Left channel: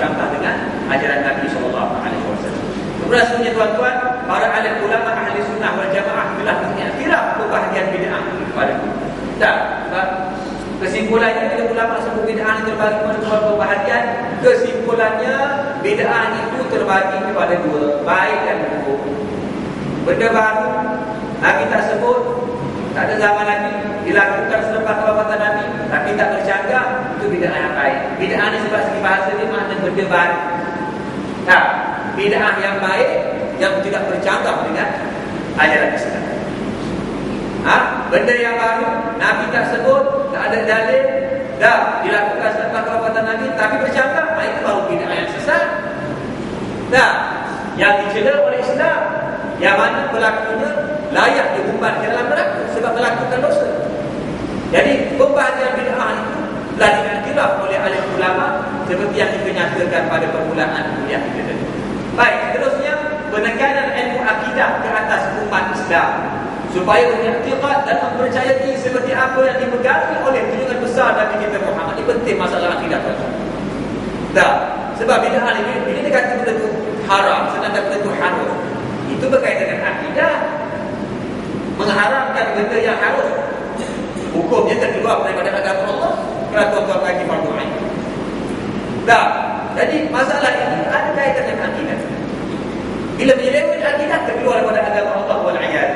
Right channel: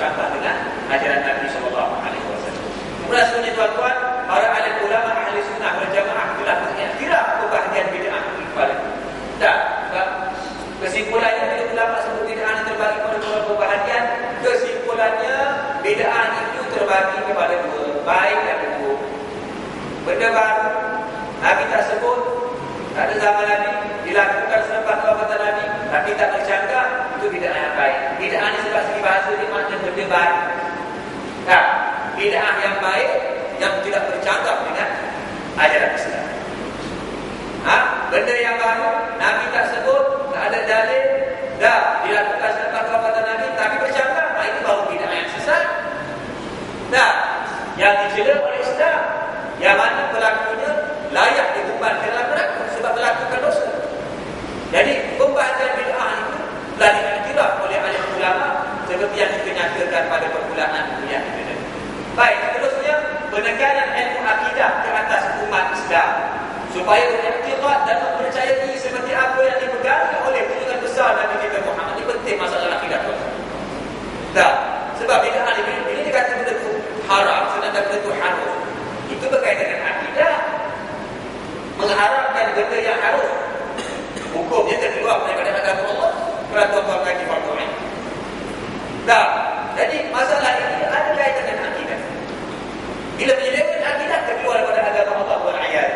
bercanggah dengan ajaran Nabi sallallahu alaihi wasallam. Kemudian sebenarnya tuan-tuan, para alim ulama ahli sunnah wal jamaah telah mengiktiraf kebahagiaan bid'ah kepada tak, kesimpulannya bila ulama sebut bid'ah ini terbagi kepada dua kebahagiaan, kesimpulannya bid'ah itu terbagi kepada dua, baik dan buruk. Benda baru Nabi tak sebut tak ada zaman Nabi dilakukan selepas kewafatan Nabi tapi tak bercanggah itu bid'ah yang baik. Bid'ah ini sebab segi bahasa dia makna benda baru. Nah, bid'ah yang baik yang tidak bercanggah dengan ajaran Islam. Ha? Benda yang baru Nabi tak sebut, tak ada dalil, dah dilakukan selepas kewafatan Nabi tapi bercanggah, nah, itu baru bid'ah yang sesat. Nah, yang dicela oleh Islam yang mana pelakunya layak diumbar dalam neraka sebab melakukan dosa. Jadi pembahagian bid'ah itu alim ulama seperti yang kita nyatakan pada permulaan kuliah kita tadi. Baik, seterusnya penekanan ilmu akidah ke atas umat Islam supaya beriktikad dan mempercayai seperti apa yang dipegangi oleh junjungan besar Nabi kita Muhammad. Ini penting masalah akidah tuan. Tak. Sebab bid'ah ini bila dia kata benda itu haram, sedangkan benda itu harus. Itu berkaitan dengan akidah. Mengharamkan benda yang harus. Hukumnya terkeluar daripada agama Allah. Kerana tuan-tuan lagi. Tak. Jadi masalah ini ada kaitan dengan akidah. Bila menyeleweng akidah terkeluar daripada agama Allah wal ayat.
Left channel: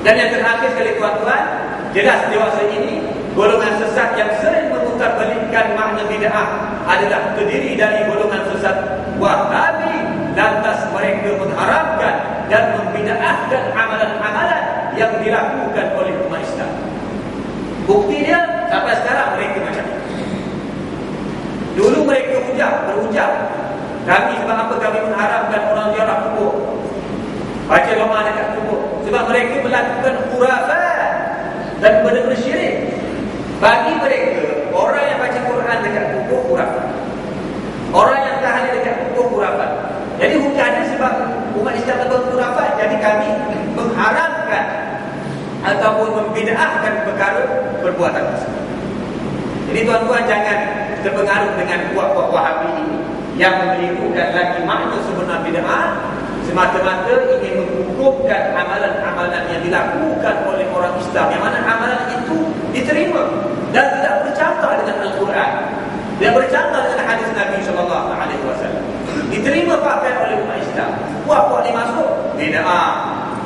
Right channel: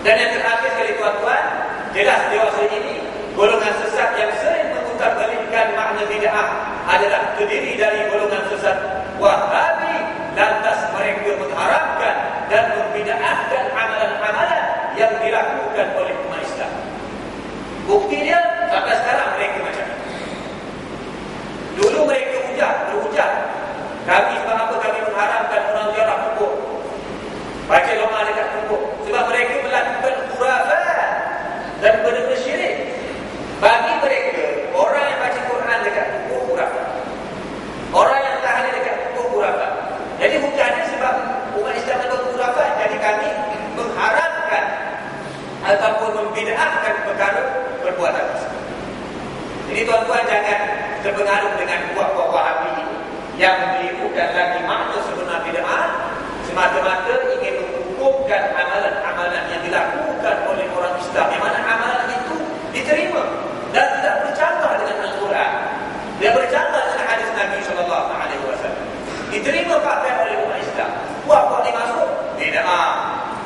Dan yang terakhir sekali tuan-tuan, jelas dewasa ini golongan sesat yang sering memutarbalikkan makna bid'ah adalah terdiri dari golongan sesat Wahabi lantas mereka mengharamkan dan membid'ahkan amalan-amalan yang dilakukan oleh umat Islam. Bukti dia sampai sekarang mereka macam ini. Dulu mereka hujah, berujar. Kami sebab apa kami mengharamkan orang ziarah kubur? Baca doa dekat kubur. Sebab mereka melakukan khurafat dan benda-benda syirik. Bagi mereka, orang yang baca Quran dekat kubur khurafat. Orang yang tahan dekat kubur khurafat. Jadi hujahnya sebab umat Islam berbuat khurafat. Jadi kami mengharamkan ataupun membida'ahkan perkara perbuatan tersebut. Jadi tuan-tuan jangan terpengaruh dengan kuat-kuat wahabi ini yang menirukan lagi makna sebenar bida'ah semata-mata ingin menghukumkan amalan-amalan yang dilakukan oleh orang Islam. Yang mana amalan itu diterima dan tidak bercanggah dengan Al-Quran. Dia bercanggah dengan hadis Nabi wasallam. Diterima pakai oleh umat Islam. Kuat-kuat ni masuk bida'ah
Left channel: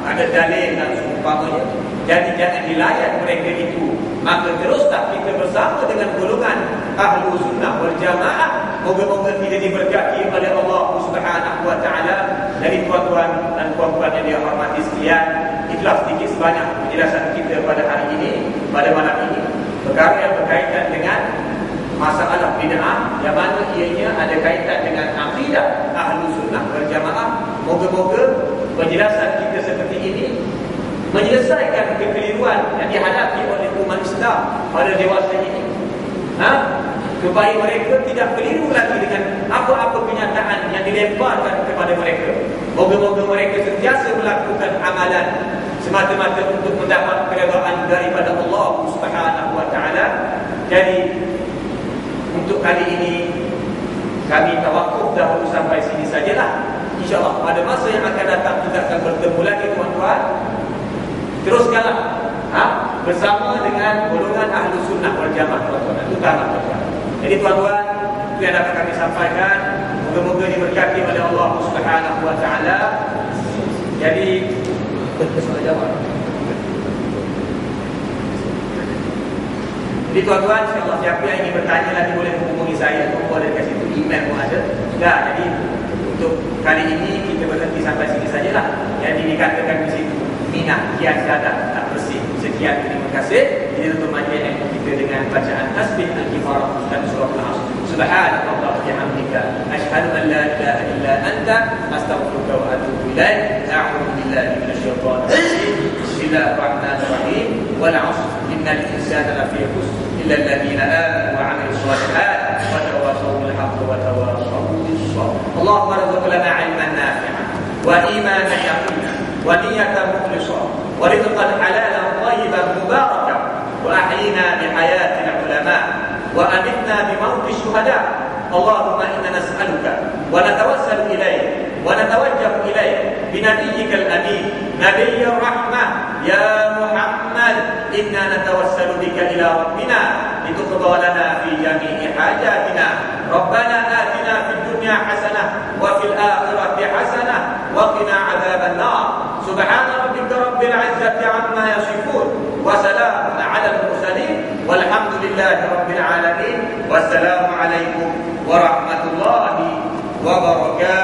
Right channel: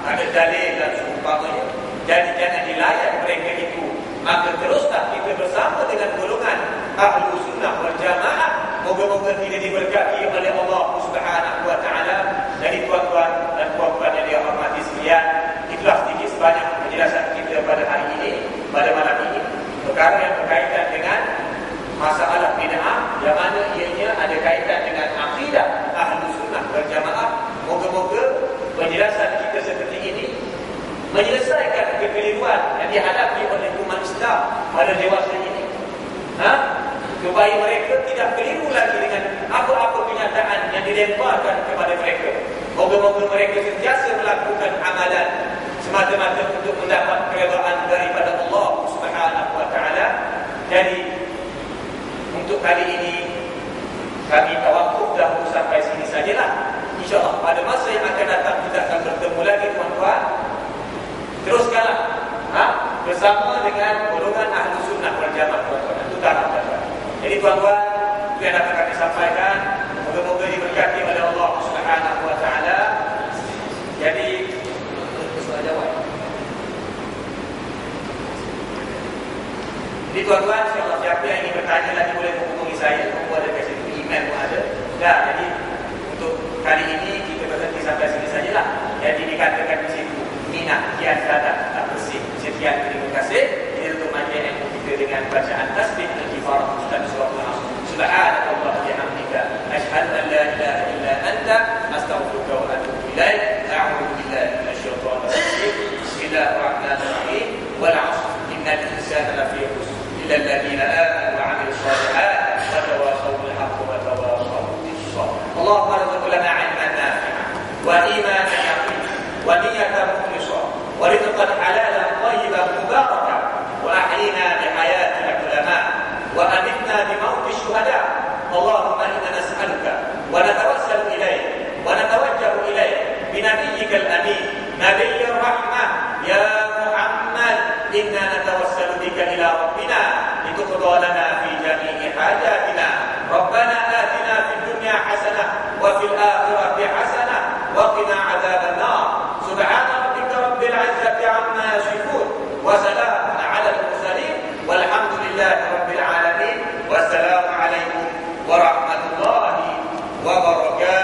ada dalil dan seumpamanya. Jadi jangan dilayan mereka itu. Maka teruslah kita bersama dengan golongan ahlu sunnah wal jamaah moga-moga tidak diberkati oleh Allah subhanahu wa ta'ala dari tuan-tuan dan puan-puan yang dihormati sekalian itulah sedikit sebanyak penjelasan kita pada hari ini pada malam ini perkara yang berkaitan dengan masalah bid'ah yang mana ianya ada kaitan dengan akidah ahlu sunnah wal jamaah moga-moga penjelasan kita seperti ini menyelesaikan kekeliruan yang dihadapi oleh umat Islam pada dewasa ini. Ha? Supaya mereka tidak keliru lagi dengan apa-apa kenyataan yang dilemparkan kepada mereka. Moga-moga mereka sentiasa melakukan amalan semata-mata untuk mendapat keredaan daripada Allah Subhanahu wa taala. Jadi untuk kali ini kami tawakuf dahulu sampai sini sajalah. InsyaAllah pada masa yang akan datang kita akan bertemu lagi tuan-tuan teruskanlah ha? bersama dengan golongan ahlu sunnah wal jamaah tuan-tuan itu tanah tuan-tuan jadi tuan-tuan itu yang dapat kami sampaikan. Moga-moga diberkati oleh Allah subhanahu wa ta'ala. Jadi soal jawab. Jadi tuan-tuan insyaAllah siapa yang ingin bertanya lagi boleh menghubungi saya. Nombor ada kat situ email pun ada. Ya, jadi untuk kali ini kita berhenti sampai sini sajalah. Yang dikatakan di situ minat kian sadar tak bersih. Sekian. Terima kasih. Ini untuk majlis dengan bacaan tasbih al-kifar dan surah al-asr. Subhanallah wa bihamdika asyhadu an la ilaha illa anta astaghfiruka wa atubu ilaik. A'udzu billahi minasyaitonir rajim. Bismillahirrahmanirrahim. Wal 'asr innal insana lafi khusr illa alladhina amanu wa 'amilus shalihat wa tawassaw bil haqqi wa tawassaw bis sabr. Allahumma rzuqna 'ilman nafi'an wa imanan yaqinan ونية مخلصة ورزقا حلالا اللهم إنا نسألك ونتوسل إليك ونتوجه إليك بنبيك الأمين نبي الرحمة. يا محمد إنا نتوسل بك إلى ربنا لتقضى لنا في جميع حاجاتنا. ربنا آتنا في الدنيا حسنة وفي الآخرة حسنة وقنا عذاب النار. سبحان ربك رب العزة عما يصفون وسلام على المرسلين والحمد لله رب العالمين. والسلام عليكم ورحمة الله وبركاته.